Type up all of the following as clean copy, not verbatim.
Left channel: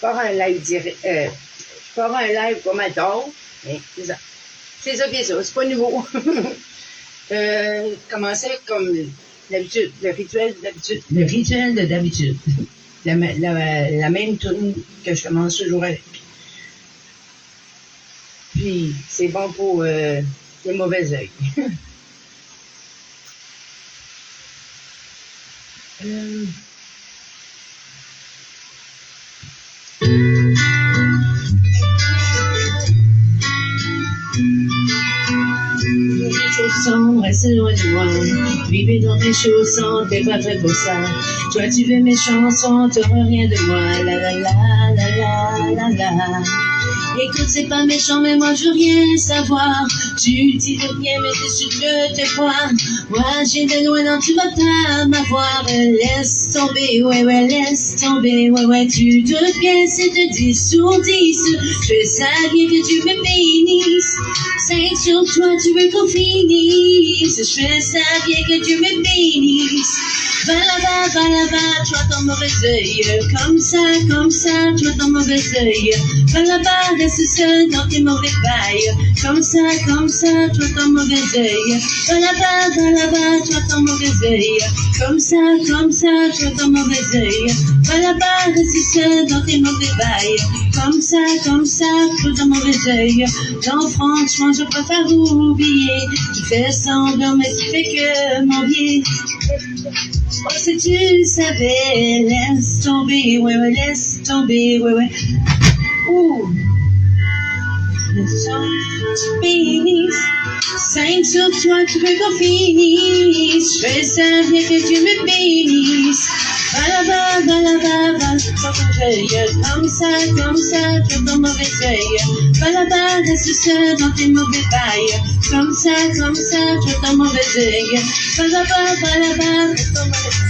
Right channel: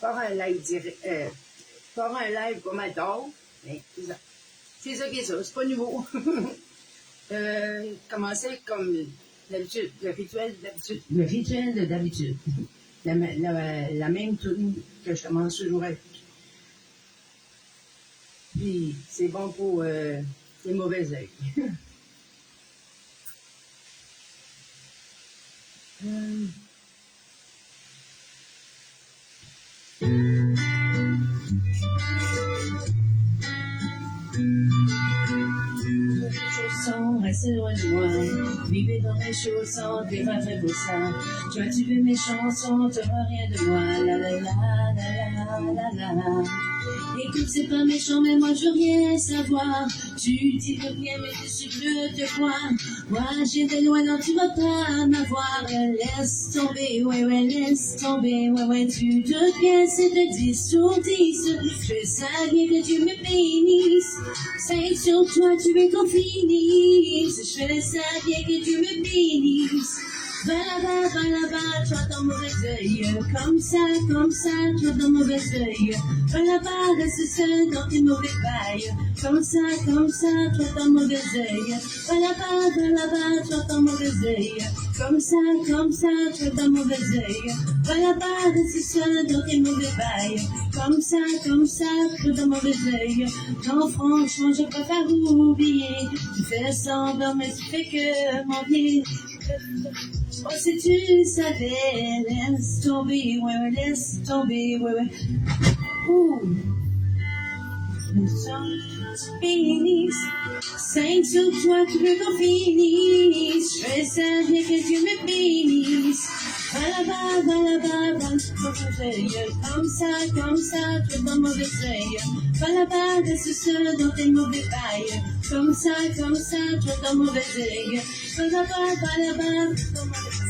pars un live direct. Je pars un live pas mal tard, mais c'est ça. C'est ça qui est ça, c'est pas nouveau. Commencer comme d'habitude, le rituel d'habitude. Le rituel de d'habitude. La même tune que je commence toujours avec. Puis, c'est bon pour les mauvais œils. Chaussons, reste loin de moi. Vivez dans mes chaussons, t'es pas fait pour ça. Toi, tu veux mes chansons, t'auras rien de moi. La la la la la la la. Écoute, c'est pas méchant, mais moi je veux rien savoir. Tu dis de rien, mais dessus je te crois. Moi j'ai de loin, non, tu vas pas m'avoir. Laisse tomber, ouais, ouais, laisse tomber, ouais, ouais. Tu te bien, c'est de 10 sur 10. Je savais que tu me bénisses. 5 sur toi, tu veux qu'on finisse. Je savais que tu me bénisses. Va là-bas, tu as ton mauvais œil. Comme ça, tu as ton mauvais œil. Va là-bas, reste seul dans tes mauvais bails. Comme ça, tu as ton mauvais œil. Va là-bas, tu as ton mauvais œil. Comme ça, tu as ton mauvais œil. Va là-bas, reste seul dans tes mauvais bails. Comme ça, tu as ton mauvais œil. Non, franchement, je préfère oublier. Tu fais semblant, mais tu fais que m'envier. Oh, si tu savais, laisse tomber, ouais, ouais, laisse tomber, ouais, ouais. Ouh. Laisse tomber, bénisse. 5 sur toi, tu veux qu'on finisse. Je savais que tu me bénisses. Va là-bas, dans ton œil. Comme ça, tu as ton mauvais œil. Va là-bas, reste seul dans tes mauvais bails. Comme ça, tu as ton mauvais œil. Va là-bas, reste ton mauvais œil.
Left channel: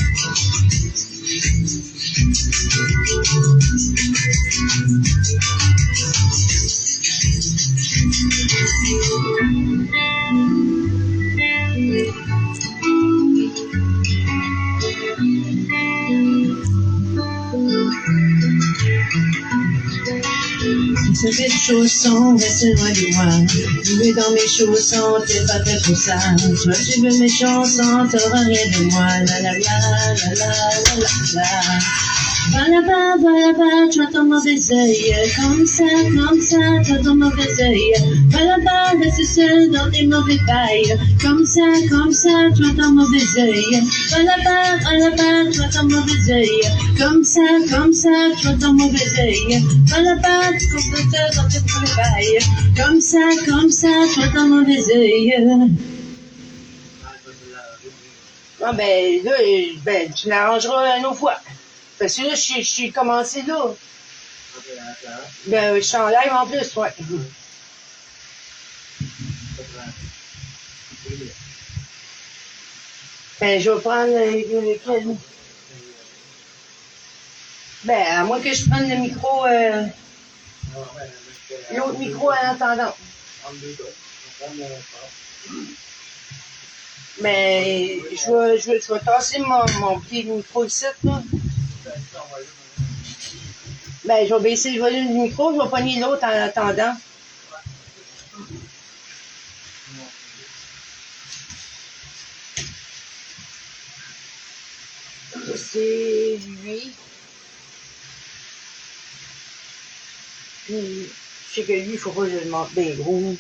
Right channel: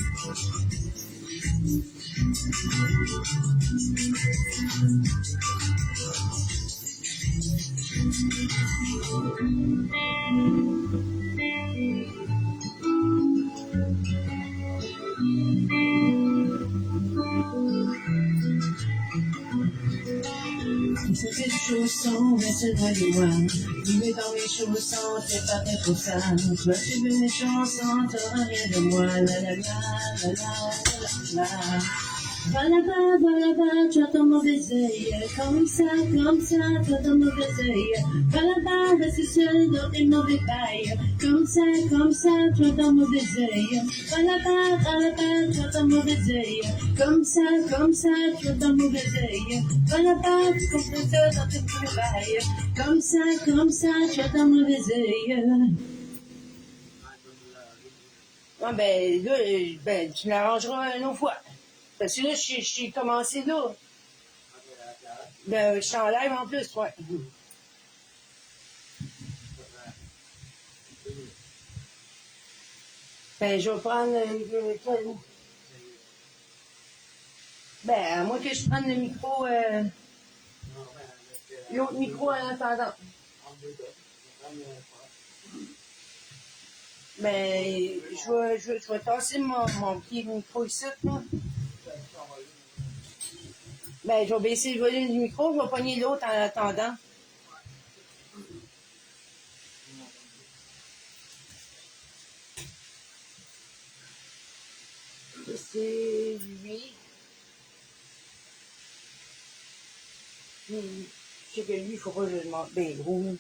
Ces belles chaussons, reste loin de moi. Jouer dans mes chaussons, t'es pas fait pour ça. Toi, tu veux mes chansons, t'auras rien de moi. La la la la la la la la. Va là-bas, tu as ton mauvais œil. Comme ça, tu as ton mauvais œil. Va là-bas, reste seul dans tes mauvais bails. Comme ça, tu as ton mauvais œil. Va là-bas, tu as ton mauvais œil. Comme ça, tu as ton mauvais œil. Va là-bas, tu as seul dans tes mauvais bails. Comme ça, tu as ton mauvais œil. Ah ben, là, tu l'arrangeras une autre fois. Parce que là, je suis commencé là. Ben, je suis en live en plus, ouais. Ben, je vais prendre lequel. Ben, à moins que je prenne le micro, l'autre micro en attendant. Mais je vais tasser mon pied de micro ici, là. Ben, je vais baisser le volume du micro, je vais pogner l'autre en attendant. C'est lui. Puis, je sais que lui, il faut pas que je le monte des gros.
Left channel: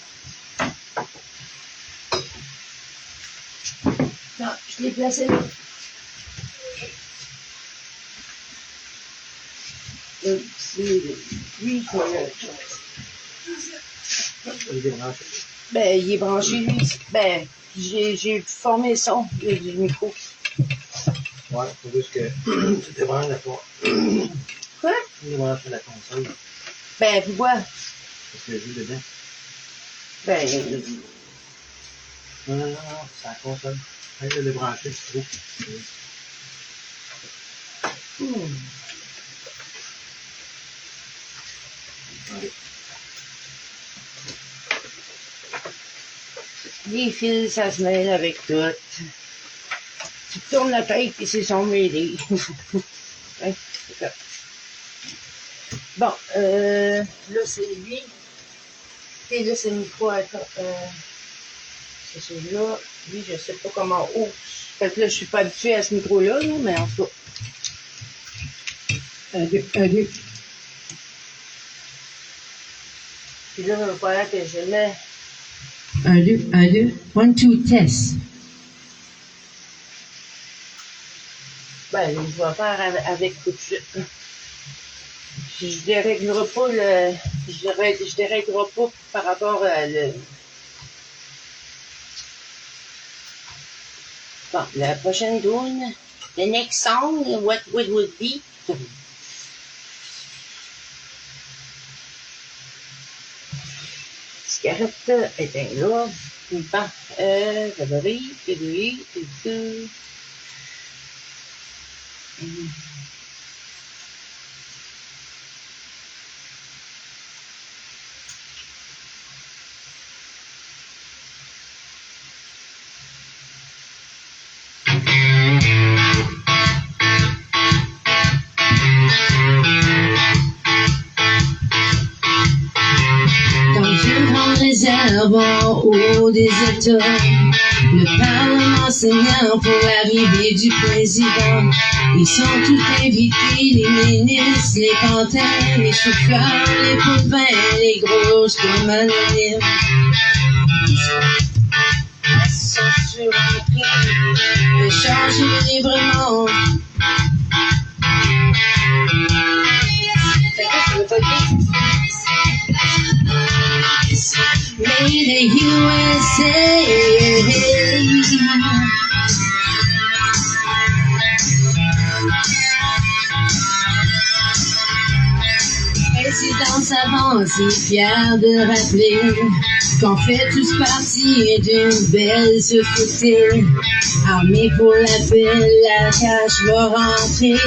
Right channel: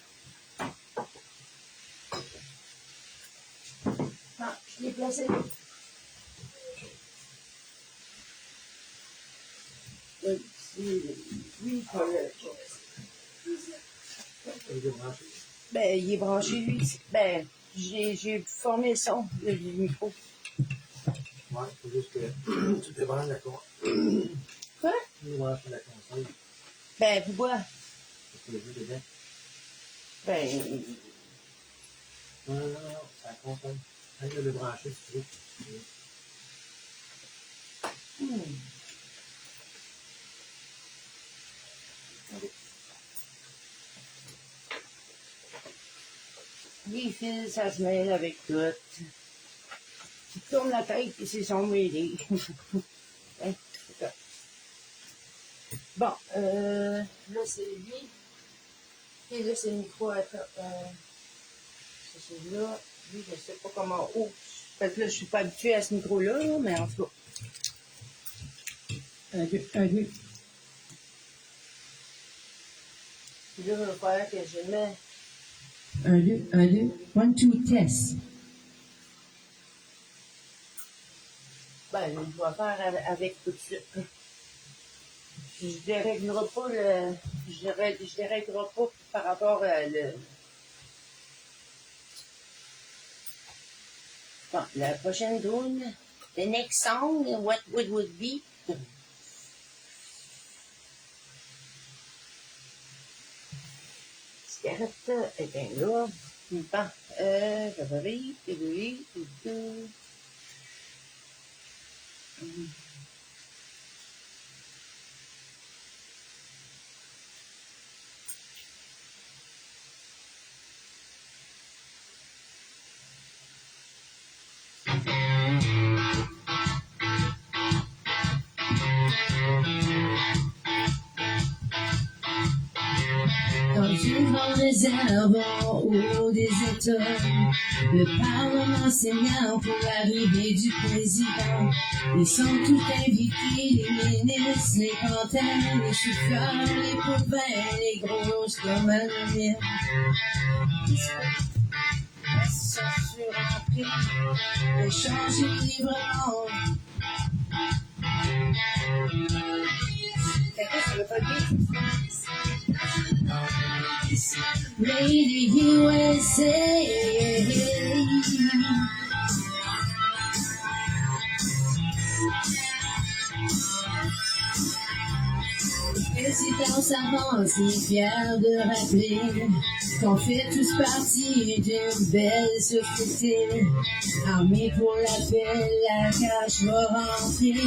Non, je l'ai placé là. C'est lui qui ben, il est branché, lui. Ben, j'ai formé le son du micro. Ouais, faut juste que tu débranches la toi. Quoi? Tu débranches la console. Ben, pourquoi? Parce que le jeu dedans. Ben, Non, c'est la console. Arrête de débrancher, tu trouves. Allez. les fils, ça se mêle avec tout. Tu tournes la tête et c'est son mêlé. Ouais, c'est ça. Bon, là, c'est lui. Et là, c'est micro. C'est celui-là. Lui, je sais pas comment. Oh! Fait que là, je suis pas habituée à ce micro-là, là, mais en tout cas. 1, 2, 1, 2. Puis là, il va falloir que je mette. 1, 2, 1, 2. 1, 2, test. Ben, je vais faire avec tout de suite. Je déréglerai pas le. Je déréglerai pas par rapport à le. Bon, la prochaine tune. The next song, what would be? Cigarette, éteins là. Bon, réservoir au des États, le Parlement saignant pour l'arrivée du président. Ils sont tous invités, les ministres, les pantins, les chauffeurs, les pouvins, les grosses comme anonymes. Ils sont sur un prix de changer librement. Made in USA. Présidence avancée, fière de rappeler qu'on fait tous partie d'une belle société. Armée pour la paix, la cache va rentrer.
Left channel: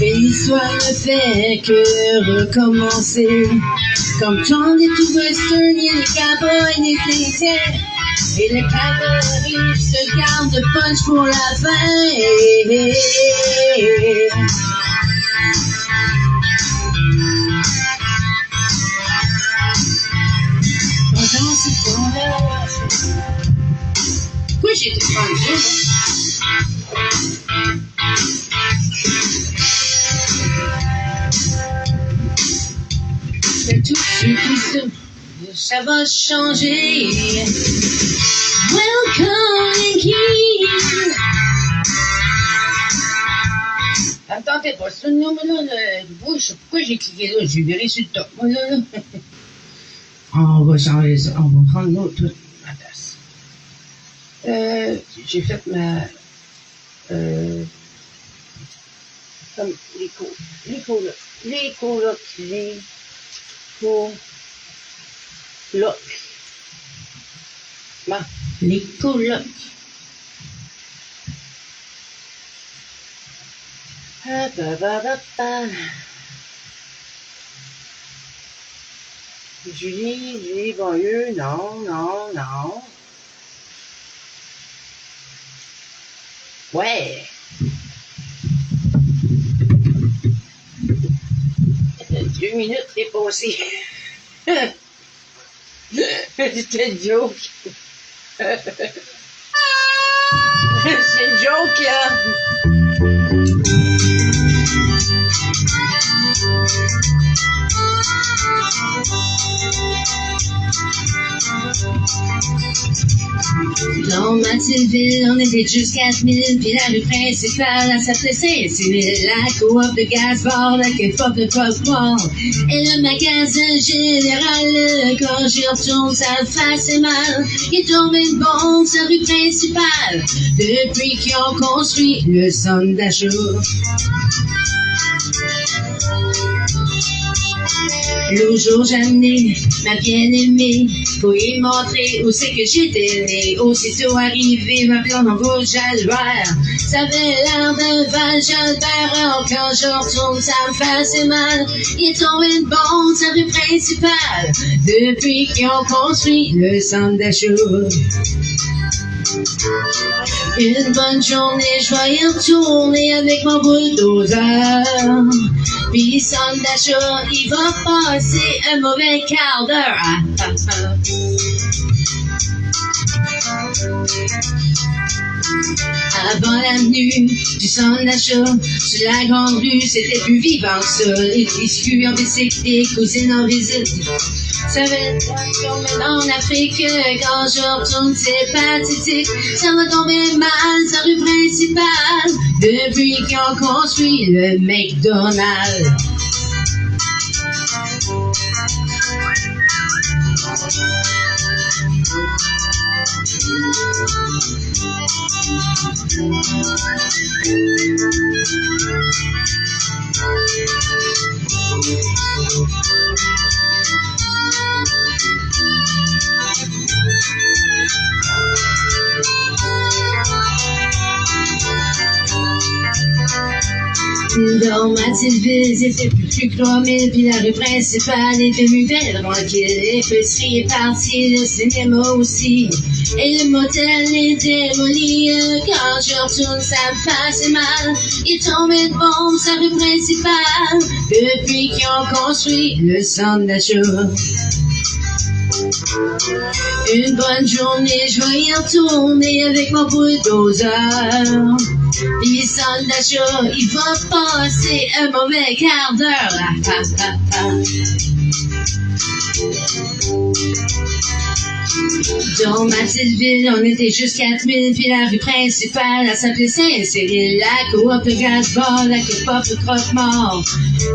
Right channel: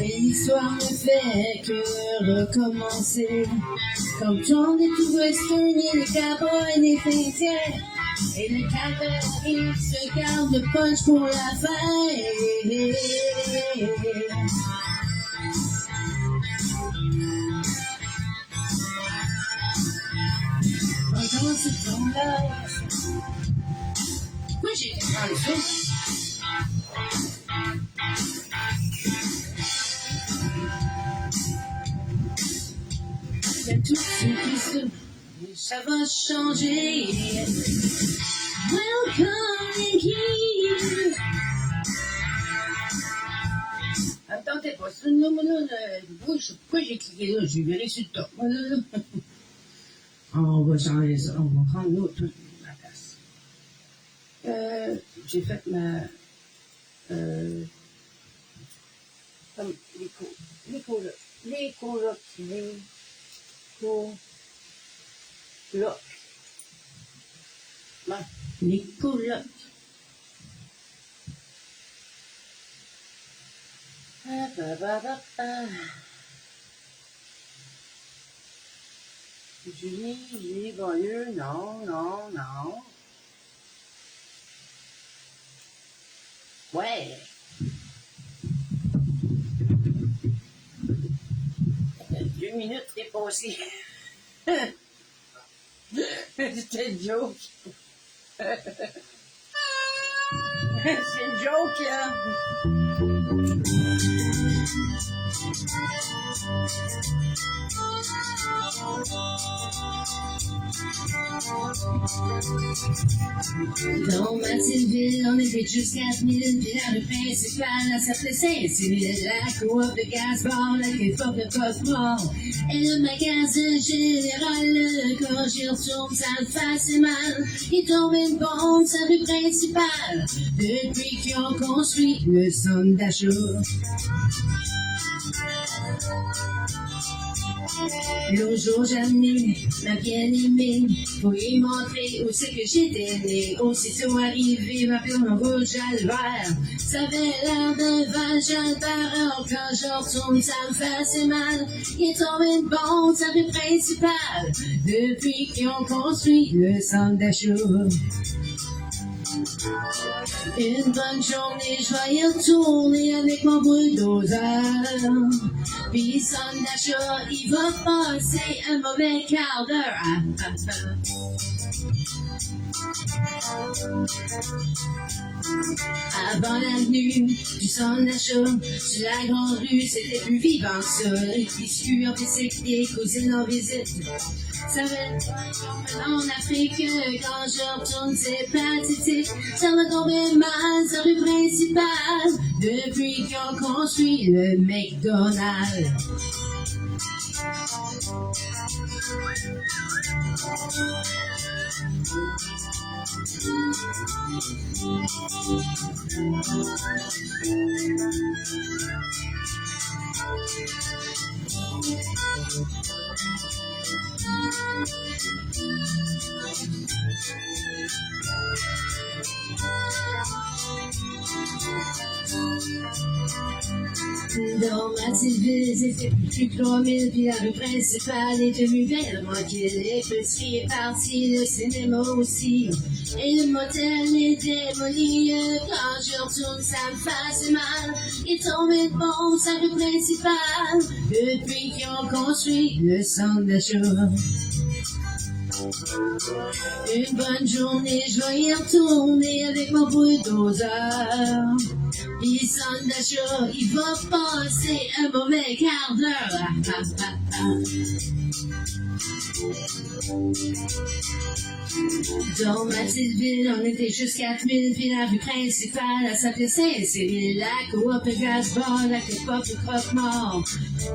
Et l'histoire ne fait que recommencer. Comme tant des tout western, il y a les cowboys, les Indiens. Et les cowboys se gardent de punch pour la fin. Pendant ce temps-là, pourquoi j'ai été prendre ça? Tout ça va changer. Welcome King. Ça me tentait pas. C'est là, je sais pourquoi j'ai cliqué là. J'ai viré sur le top. Là. On va changer ça. On va prendre l'autre. Ma tasse. J'ai fait ma. Comme les colocs. Les colocs. Julie, Bonlieu, non. Ouais. 2 minutes dépassées. C'était une joke. C'est une joke, là. Dans Mathilde, on était juste 4000, puis la rue principale, elle s'appelait Saint-Cyril. La coop de gaz bord, la K-pop de Pop-Mort, et le magasin général. Quand j'y retourne, ça me fait mal. Il est tombé une bombe, sa rue principale, depuis qu'ils ont construit le centre d'achat. L'autre jour, j'ai amené ma bien-aimée pour y montrer où c'est que j'étais né. Aussitôt arrivé, ma blonde en rouge Albert. Ça avait l'air d'un Val Jalbert. Quand je retourne, ça me fait assez mal. Il est tombé une bombe, sa rue principale, depuis qu'ils ont construit le centre d'achat. Une bonne journée, je vais y retourner avec mon bulldozer. Puis son d'achat, il va passer un mauvais quart d'heure. Avant l'avenue du centre d'achat, sur la grande rue, c'était plus vivant que ça. Les biscuits en bicycle, les cousines en visite. Ça va être comme en Afrique, quand je retourne, c'est pathétique. Ça va tomber mal, sa rue principale, depuis qu'ils ont construit le McDonald's. Dans Mathilde, c'était plus que 3000, puis la rue principale est devenue belle, tranquille. L'épicerie est partie, le cinéma aussi, et le motel est démoli. Quand je retourne, ça me fait mal. Il est tombé de bombe, sa rue principale, depuis qu'ils ont construit le centre d'achat. Une bonne journée, je vais y retourner avec mon bulldozer. Puis le centre d'achat, il va passer un mauvais quart d'heure. Dans Mathildeville, on était juste 4000, puis la rue principale, elle s'appelait Saint-Cyril. La coop, le gaz-bar, la K-pop, le croque-mort.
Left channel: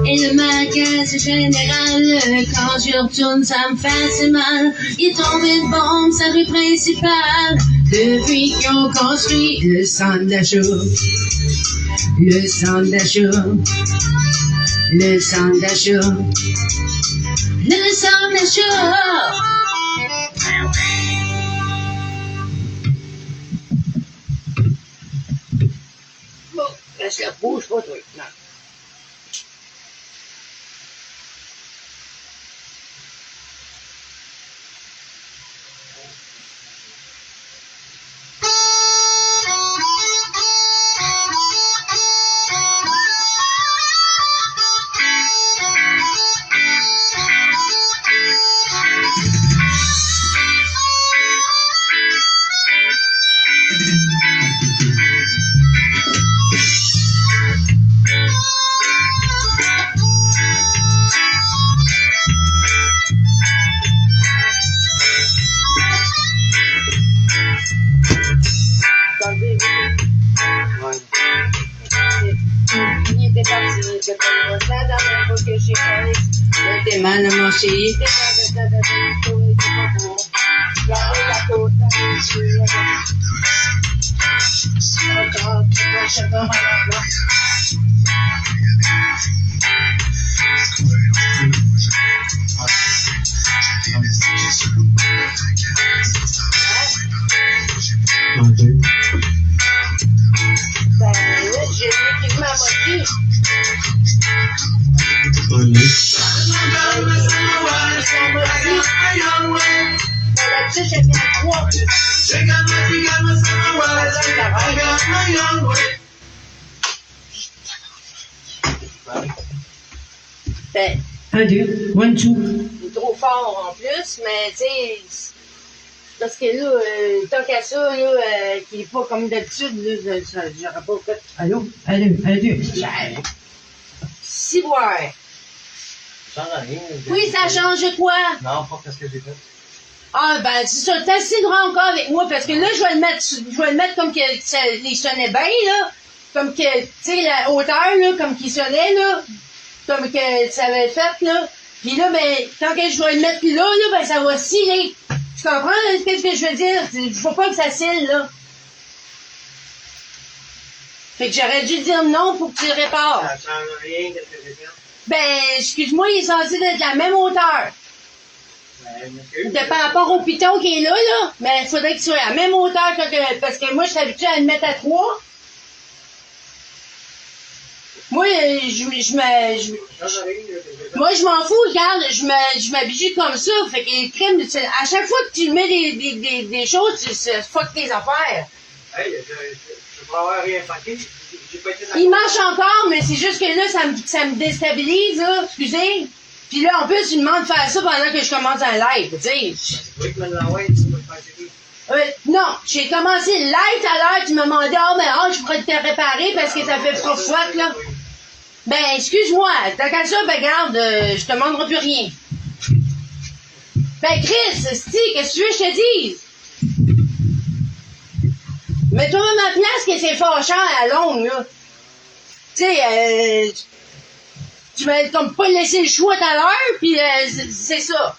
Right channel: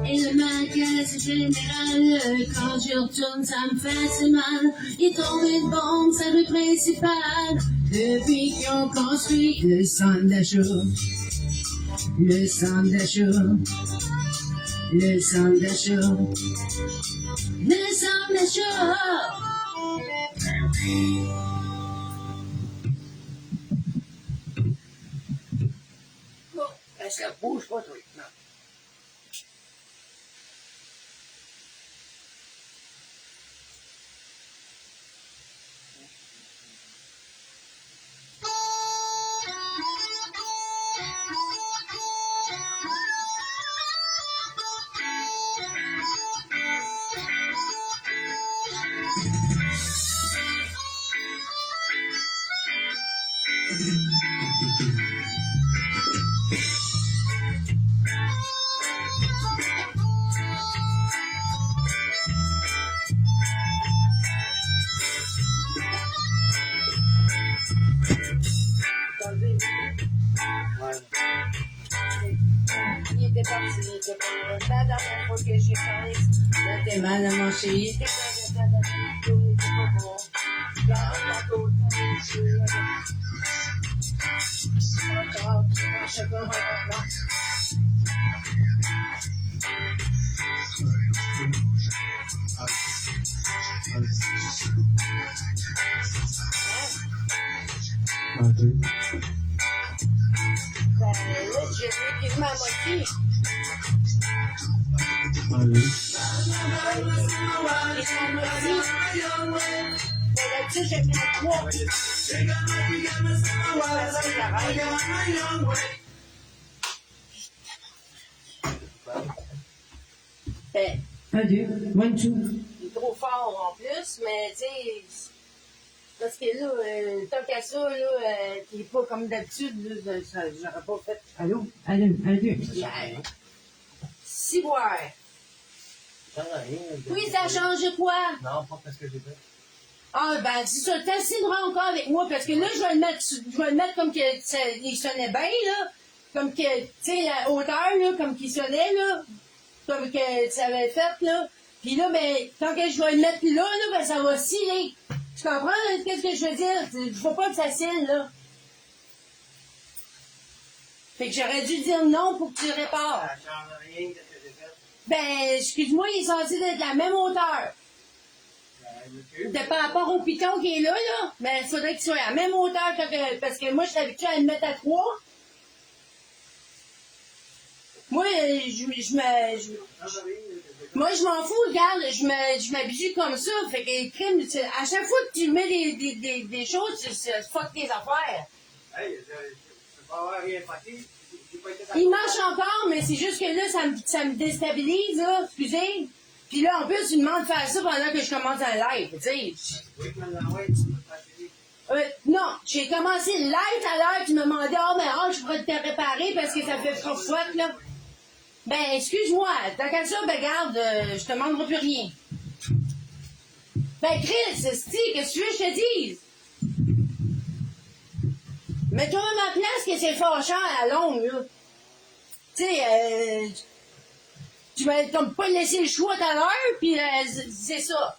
Et le magasin général, quand je retourne, ça me fait mal. Il est tombé de bombe, sa rue principale, depuis qu'ils ont construit le centre d'achat. Le centre d'achat. Le centre d'achat. Le centre d'achat. Bon, est-ce qu'elle bouge pas, toi? Non. Il était parti, il était pas la dernière fois que j'ai parlé. Il était mal à manger. Il était dans le il était pas beau. La côte, encore, tu vois, je dors à la place. Ben, là, j'ai pris ma moitié. Là-dessus, j'ai fait 3. Ben, 1, 2, 1, 2. il est trop fort en plus, mais tu sais, parce que là, tant qu'à ça, là, qui est pas comme d'habitude, là, j'aurais pas fait. Allô? 1, 2, 1, 2. Si boire. Ça change rien. Oui, ça change quoi? Non, pas parce que j'ai fait. Ah, ben, c'est ça, t'as assez droit encore avec moi, parce que là, je vais le mettre comme que ça, il sonnait bien, là. Comme que, tu sais, la hauteur, là, comme qu'il sonnait, là. Comme que ça avait fait, là. Puis là, ben, quand que je vais le mettre là, ben, ça va sciller. Tu comprends, là, qu'est-ce que je veux dire? Il faut pas que ça scille, là. Fait que j'aurais dû dire non pour que tu le répares. Ça change rien, qu'est-ce que j'ai fait? Ben, excuse-moi, il est censé être de la même hauteur. De par rapport au piton qui est là, mais il faudrait qu'il soit à la même hauteur parce que moi, je suis habituée à le mettre à 3. Moi, moi, je m'en fous, regarde, je m'habitue comme ça. Fait que, crème, à chaque fois que tu mets des choses, tu fuck tes affaires. Hey, je peux avoir rien fucké. J'ai Il marche encore, mais c'est juste que là, ça me déstabilise, là. Excusez. Puis là, en plus, il me demande de faire ça pendant que je commence un live, tu sais. Non, j'ai commencé le live tout à l'heure, tu m'as demandé, je pourrais te réparer parce que ça fait froid, là. Ben, excuse-moi, t'as qu'à ça, ben, regarde, je te demanderai plus rien. Ben, Chris, qu'est-ce que tu veux que je te dise? Mets-toi même à place que c'est fâchant à longue, là. Tu sais, tu m'as comme pas laissé le choix tout à l'heure, puis c'est ça.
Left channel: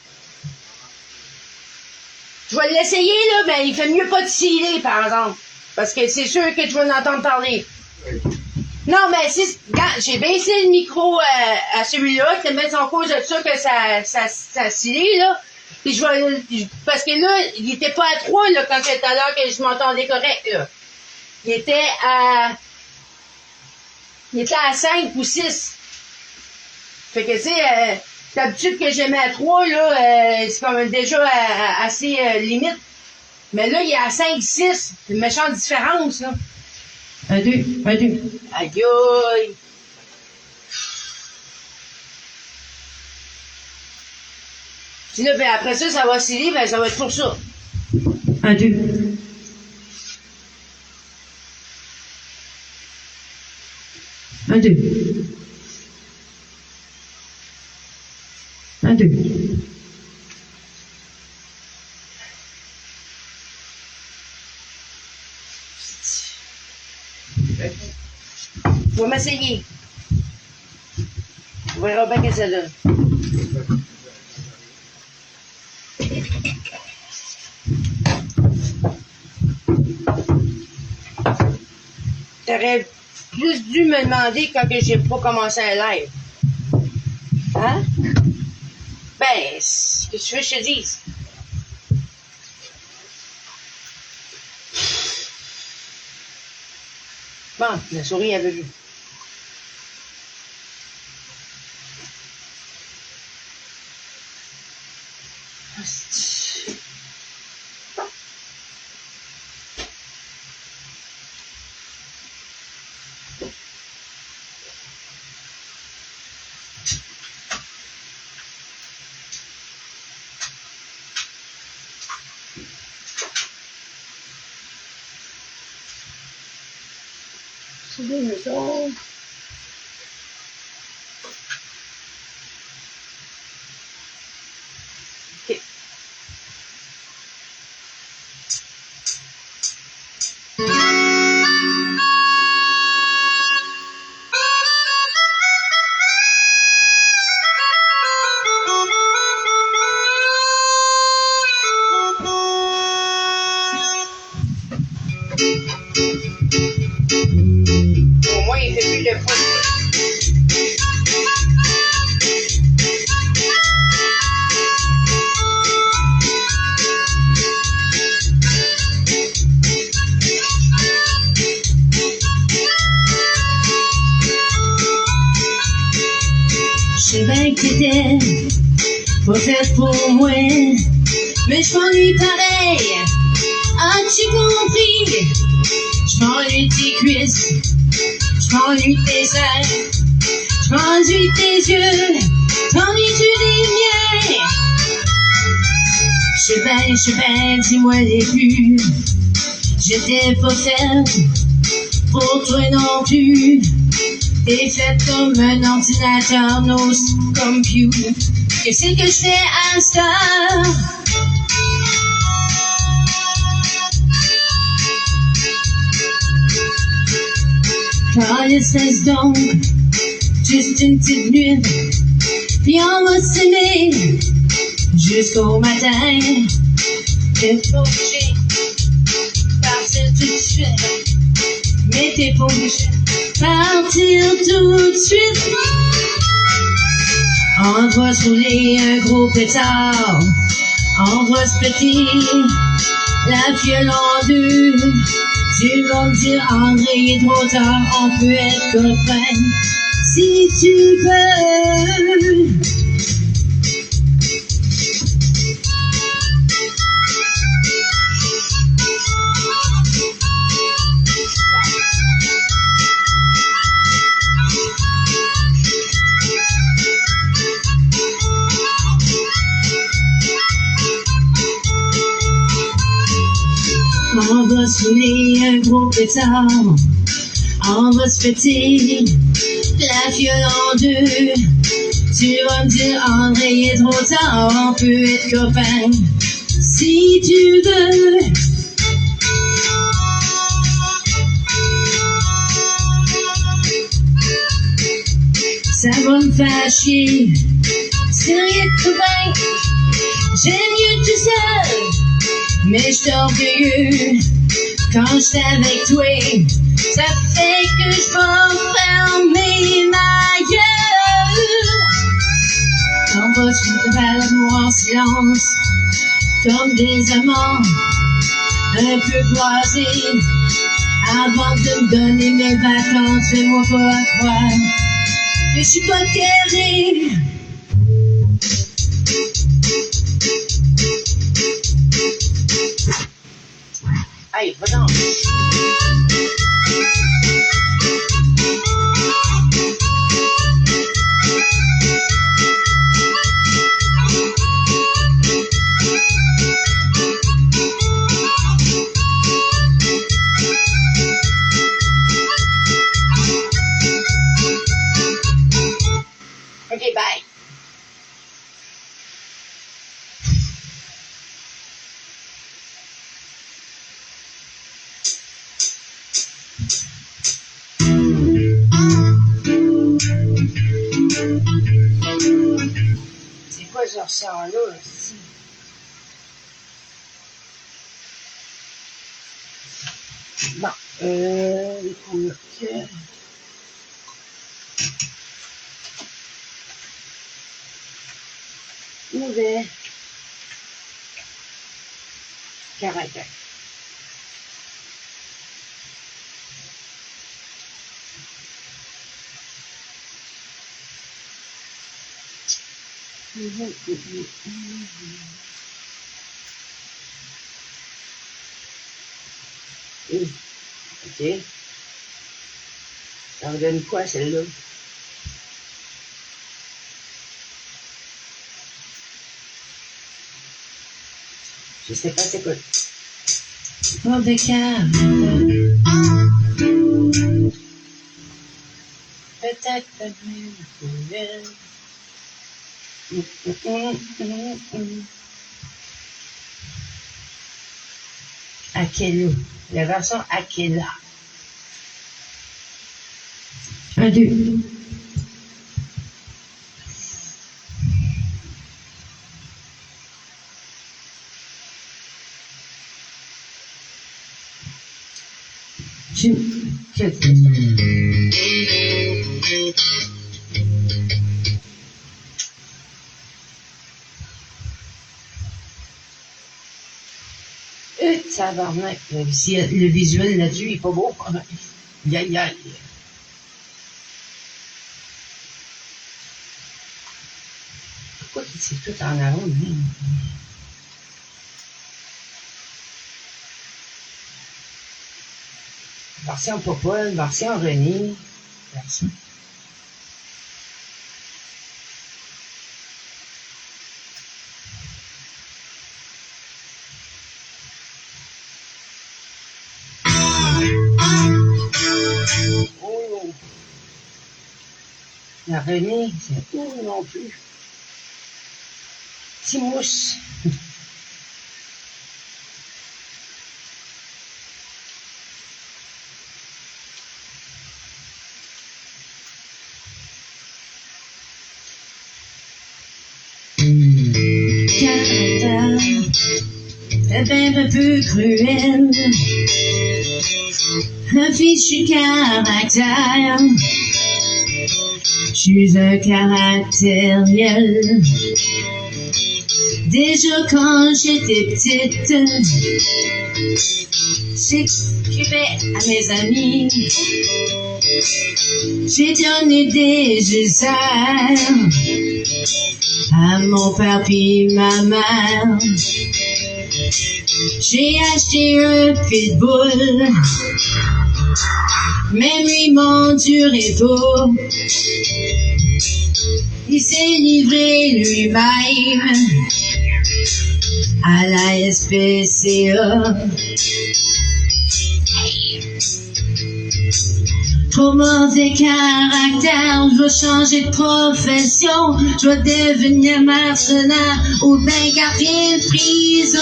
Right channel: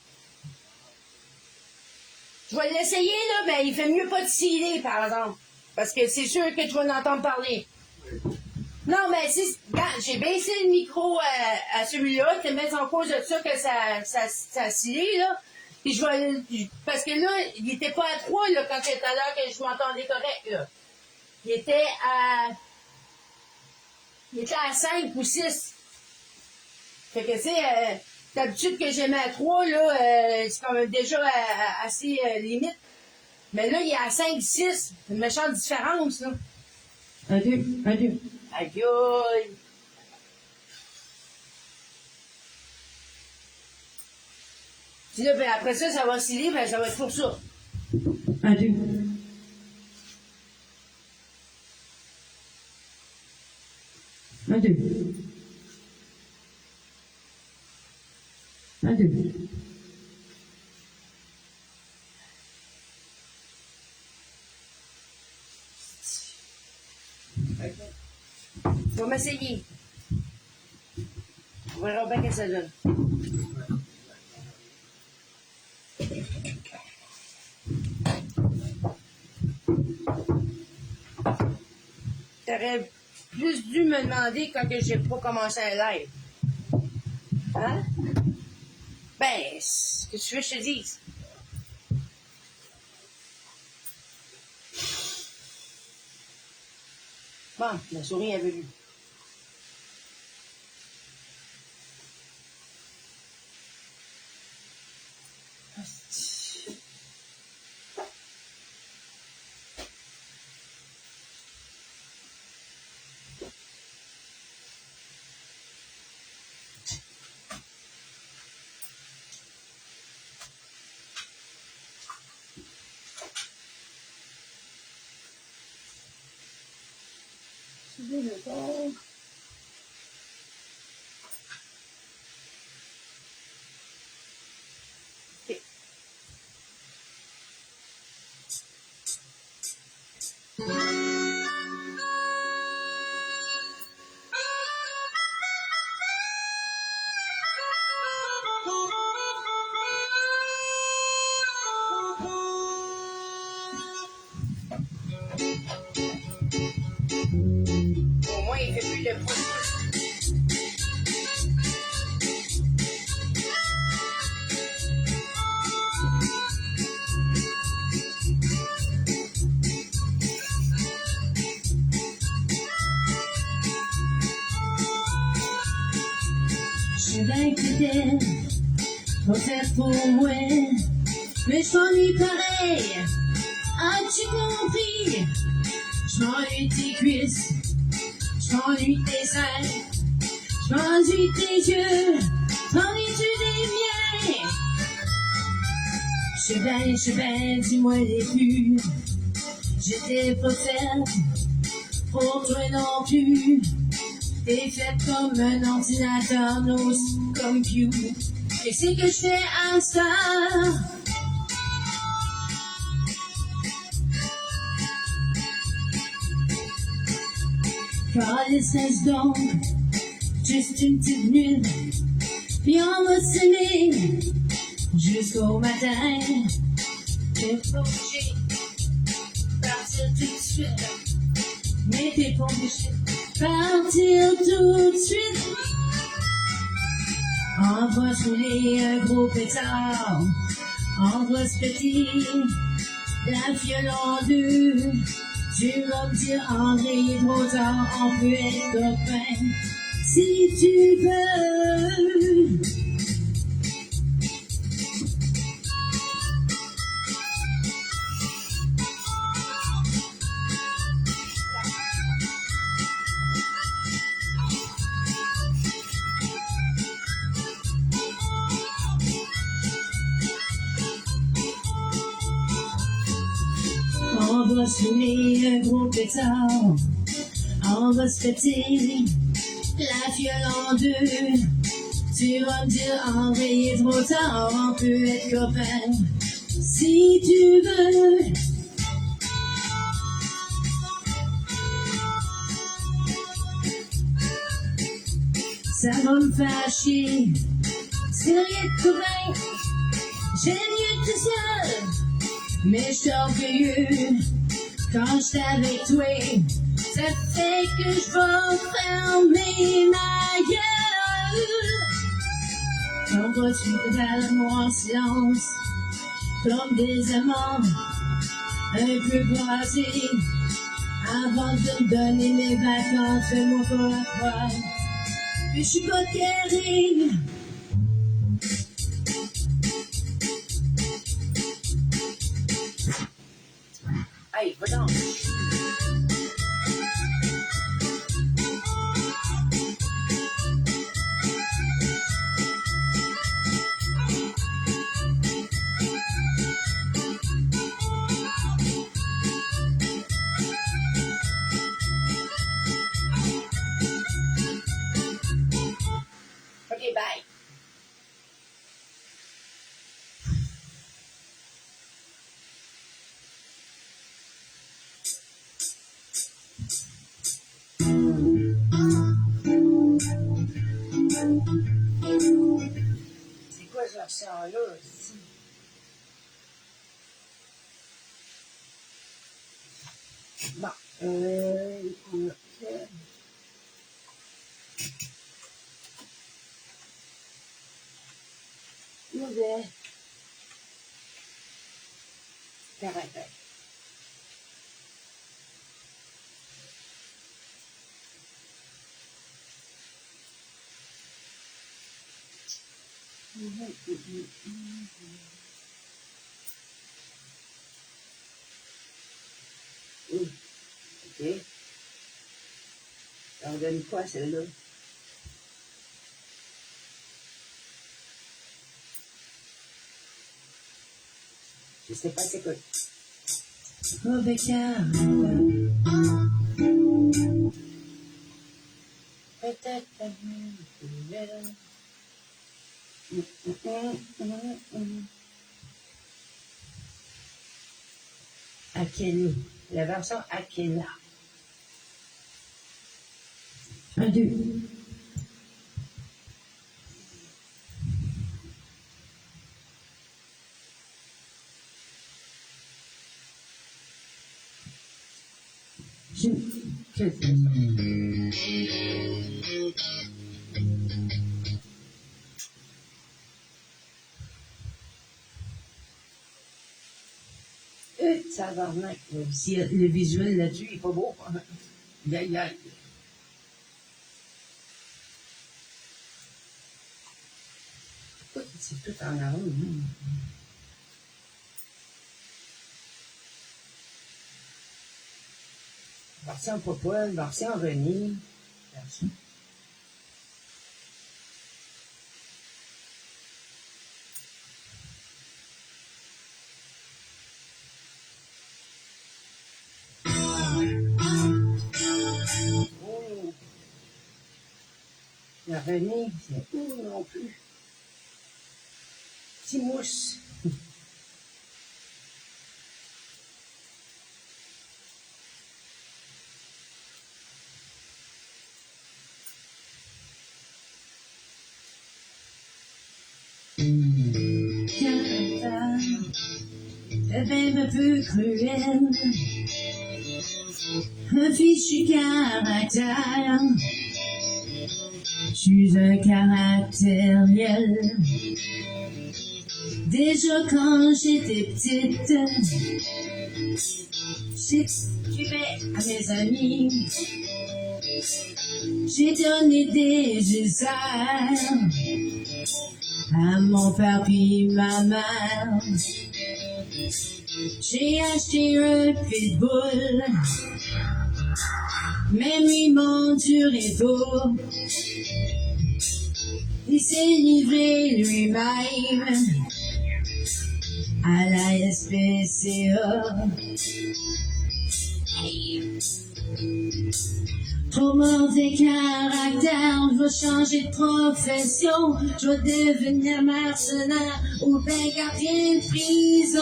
Je vais l'essayer, là, ben, il fait mieux pas de sciller, par exemple. Parce que c'est sûr que tu vas en entendre parler. Non, mais si, regarde, j'ai baissé le micro à celui-là, c'est même en cause de ça que ça scillé, là. Puis parce que là, il était pas à 3, là, quand c'était à l'heure que je m'entendais correct, là. Il était à 5 ou 6. Fait que, tu sais, d'habitude que j'aimais à 3, là, c'est comme déjà assez limite. Mais là, il est à 5, 6. C'est une méchante différence, là. 1, 2, 1, 2. Aïe, aïe. Puis là, ben, après ça, ça va sciller, ben, ça va être pour ça. 1, 2. 1, 2. 1, 2. Je vais m'essayer. On verra bien que ça donne. T'aurais plus dû me demander quand que j'ai pas commencé un live. Hein? Ben, qu'est-ce que tu veux que je te dise? Bon, la souris avait vu. C'est des maisons. OK. Au moins, il fait plus de bruit. Je sais bien que t'étais pas faite pour moi, mais je m'ennuie pareil. As-tu compris? Je m'ennuie de tes cuisses, je m'ennuie de tes seins, je m'ennuie de tes yeux, t'ennuies-tu des miens? Je sais bien, dis-moi les plus. J'étais pas faite pour toi non plus. T'es faite comme un ordinateur, no computer. Qu'est-ce que je fais à cette heure? Laisse donc, juste une petite nuit, puis on va s'aimer jusqu'au matin. T'es pas obligé de partir tout de suite, mais t'es pas obligé de partir tout de suite. On va se rouler un gros pétard, on va se péter la fiole en deux. Tu vas me dire, André, il est trop tard, on peut être copains si tu veux. soulever un gros pétard. On va se péter la fiole en deux. Tu vas me dire, André, il est trop tard, on peut être copains si tu veux. Ça va me faire chier, c'est rien de tout bien. J'aime mieux tout seul, mais je suis orgueilleux. Quand j'étais avec toi, ça fait que je vais fermer ma gueule. Quand vas-tu me faire l'amour en silence, comme des amants un peu croisés. Avant de me donner mes vacances, fais-moi pas croire que je suis pas terrible. Hey, va donc. Okay, bye. C'est quoi ce ressort-là, aussi? Bon, les couleurs. Mauvais caractère. Ok. Ça me donne quoi, celle-là? Je sais pas c'est quoi. Pas de carte. Peut-être la même couleur. Akela. La version Akela. 1, 2. Tabarnak, le visuel là-dessus est pas beau. Aïe. Pourquoi c'est tout en arôme? Version Popol, version René. Version. Oh. La René, c'est où non plus? Petit mousse. Caractère, ben un peu cruel, un fichu caractère, je suis un caractériel. Déjà quand j'étais petite, j'écrivais à mes amis, j'ai donné des ulcères à mon père puis ma mère. J'ai acheté un pitbull, même lui m'endurait pas. Il s'est livré lui-même à la SPCA. Trop mauvais caractère, je dois changer de profession, je dois devenir mercenaire ou bien garder de prison.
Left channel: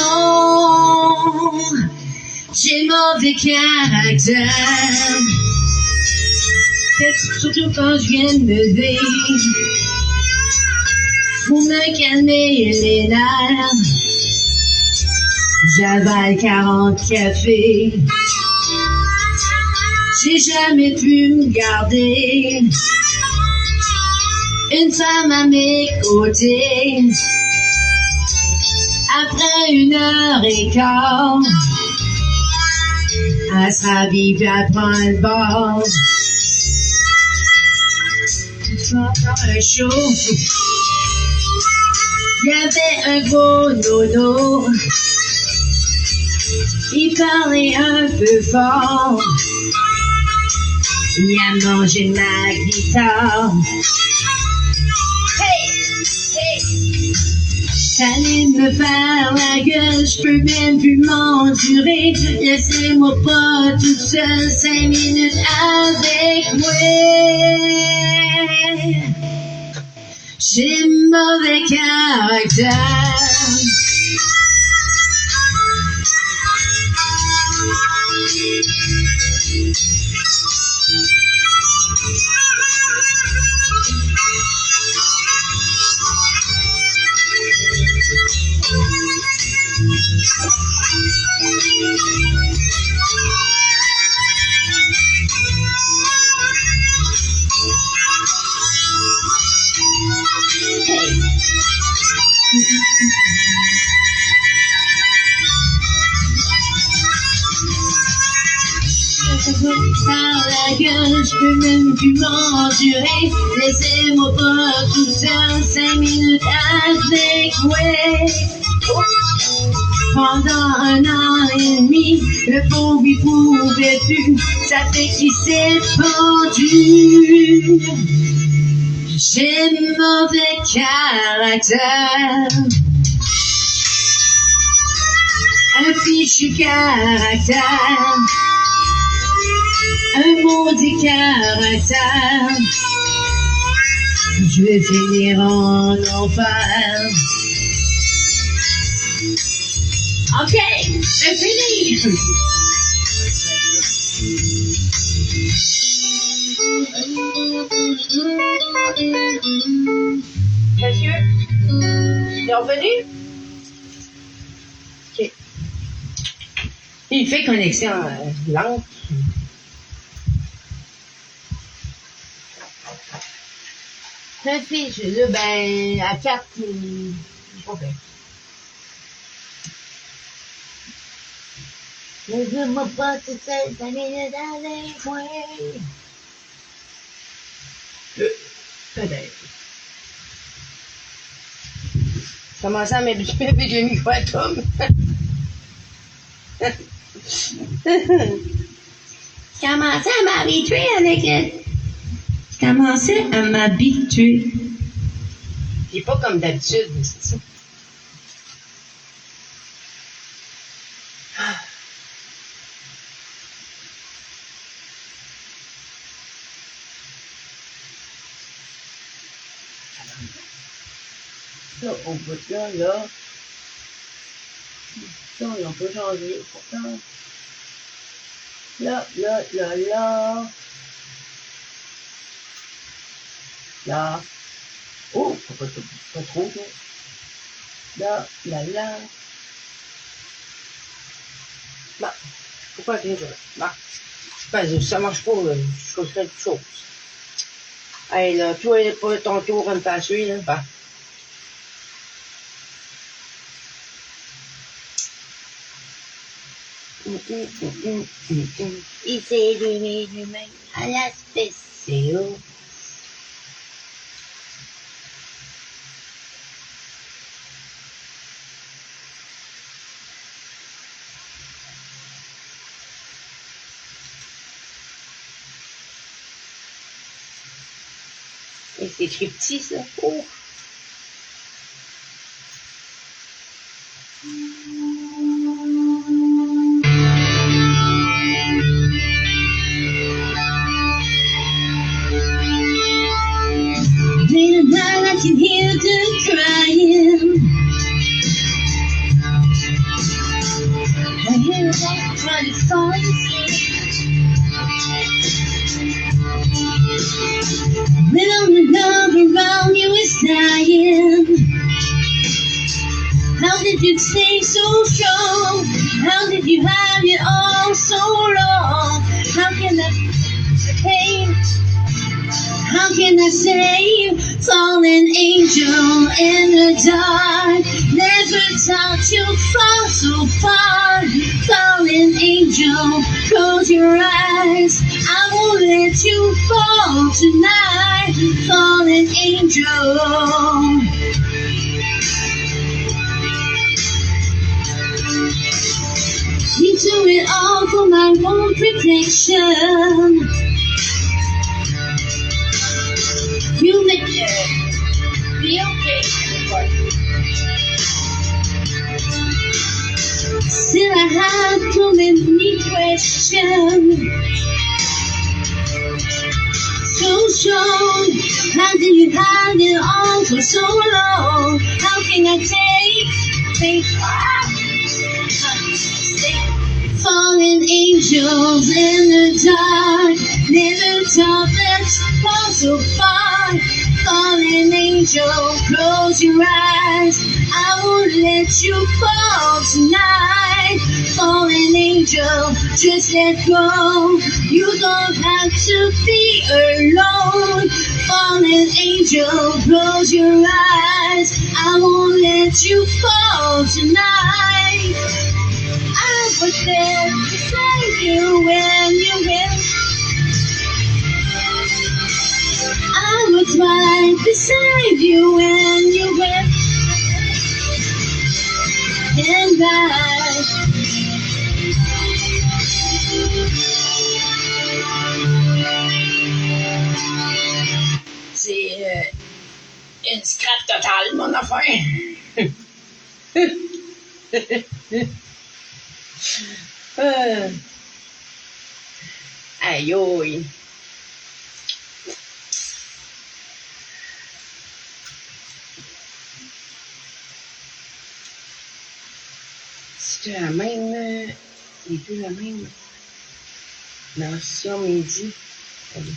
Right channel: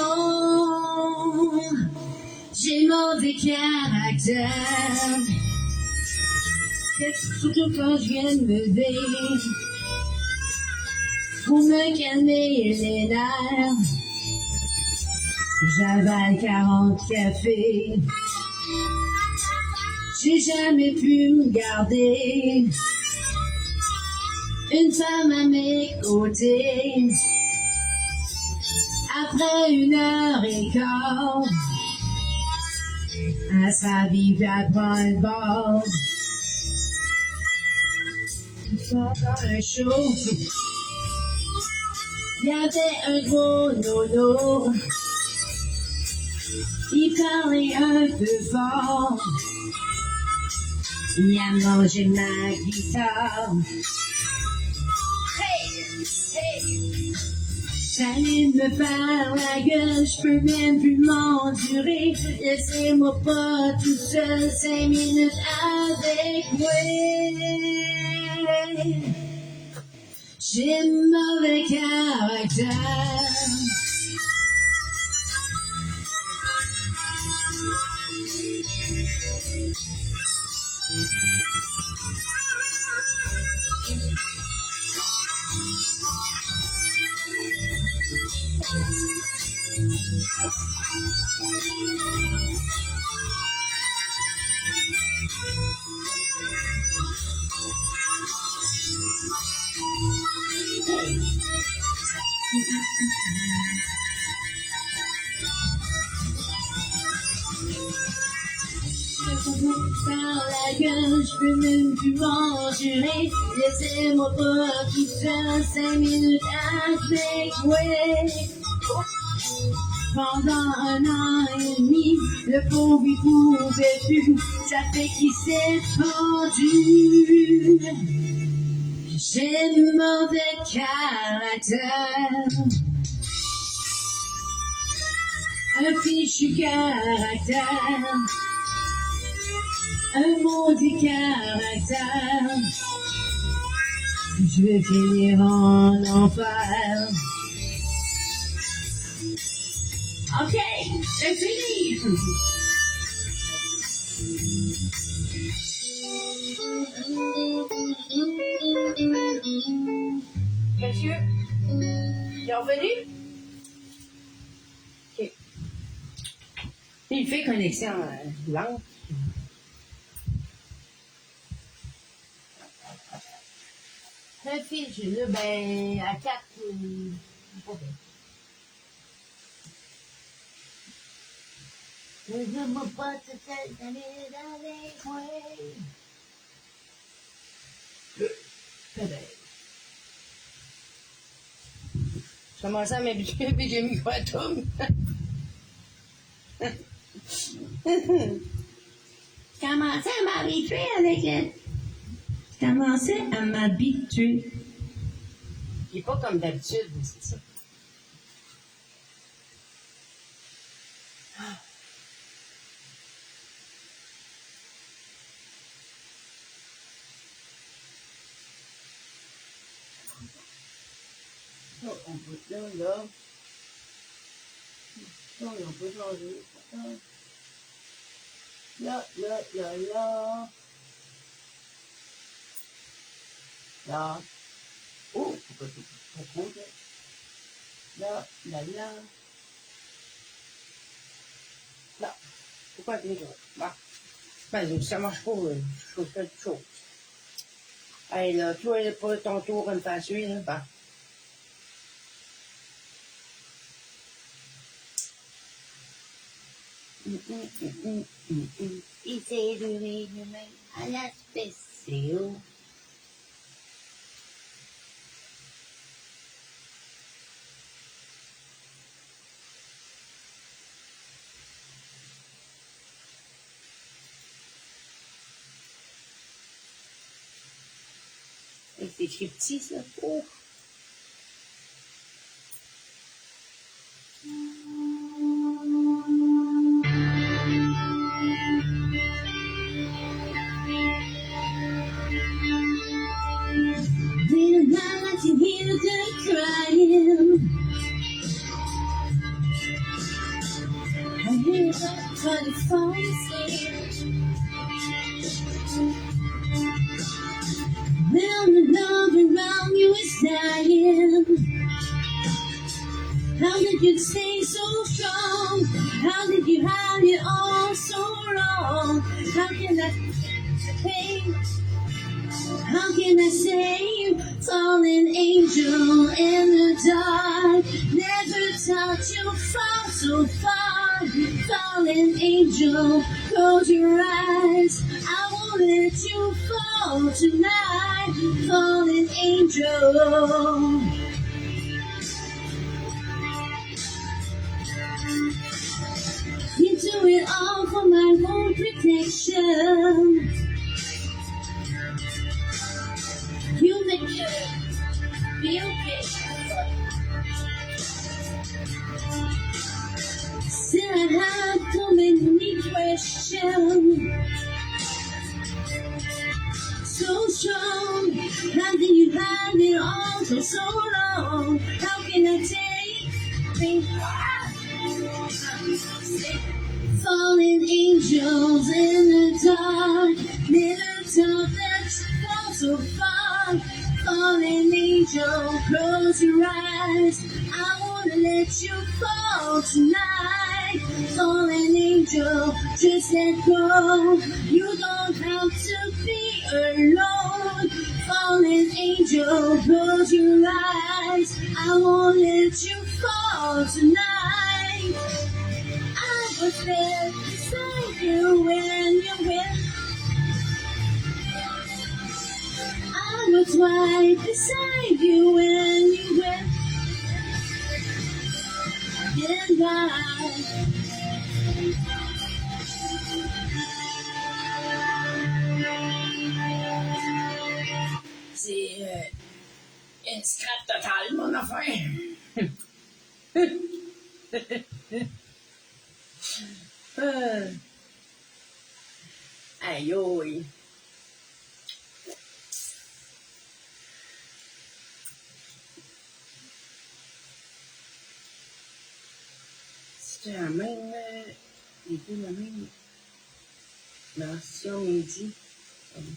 J'ai mauvais caractère, surtout quand je viens de me lever. Pour me calmer les nerfs, j'avale 40 cafés. J'ai jamais pu me garder une femme à mes côtés. Après 1h15, elle s'habille puis elle prend le bord. Dans un show, il y avait un gros nono. Il parlait un peu fort. Il a mangé ma guitare. Hey, hey. Ça allait me faire la gueule, je peux même plus m'endurer. Laissez-moi pas toute seule 5 minutes avec moi. J'ai mauvais caractère. Par la gueule, je peux même plus m'endurer. Laissez-moi pas tout seul 5 minutes avec moi. Pendant 1 an et demi, le pauvre il pouvait plus. Ça fait qu'il s'est pendu. J'ai mauvais caractère, un fichu caractère, un maudit caractère. Je vais finir en enfer. Ok, c'est fini. Monsieur, il est revenu? Ok. Il fait connexion lente. La fille, là, ben, à 4, pas bien. Ne dis-moi pas tout seul, t'as mis le dans les coins. Peut-être. Je commençais à m'habituer avec le micro à Tom. Je commençais à m'habituer avec le... Je commençais à m'habituer. C'est pas comme d'habitude, c'est ça. Là, au bout de là, ça, on peut changer, pourtant. Là. Là. Oh, pas trop, là. Là. Bah, pourquoi t'es là? Bah, ben, ça marche pas, je choisirais autre chose. Hey, là, toi, il n'est pas ton tour à me faire suivre, là. Bah. Il s'est donné lui-même à la spéciale. Et c'est écrit petit, ça. Oh. I can hear them crying. I hear them trying to fall asleep. When all the love around you is dying. How did you stay so strong? How did you have it all so long? How can I pain? How can I save fallen angel in the dark? Never thought you'd fall so far. Fallen angel, close your eyes. I won't let you fall tonight. Fallen angel. You do it all for my own protection. You make it be okay. Still I have so many questions. So strong, how did you hide it all for so long? How can I take fallen angels in the dark? Never thought that you'd fall so far. Fallen angel, close your eyes. I won't let you fall tonight. Fallen angel, just let go. You don't have to be alone. Fallen angel, close your eyes. I won't let you fall tonight. I was there to save you when you went. I was right beside you when you went. And c'est une scrap totale, mon affaire. Aïe aïe. C'était la même. Les deux la même version midi. Allez.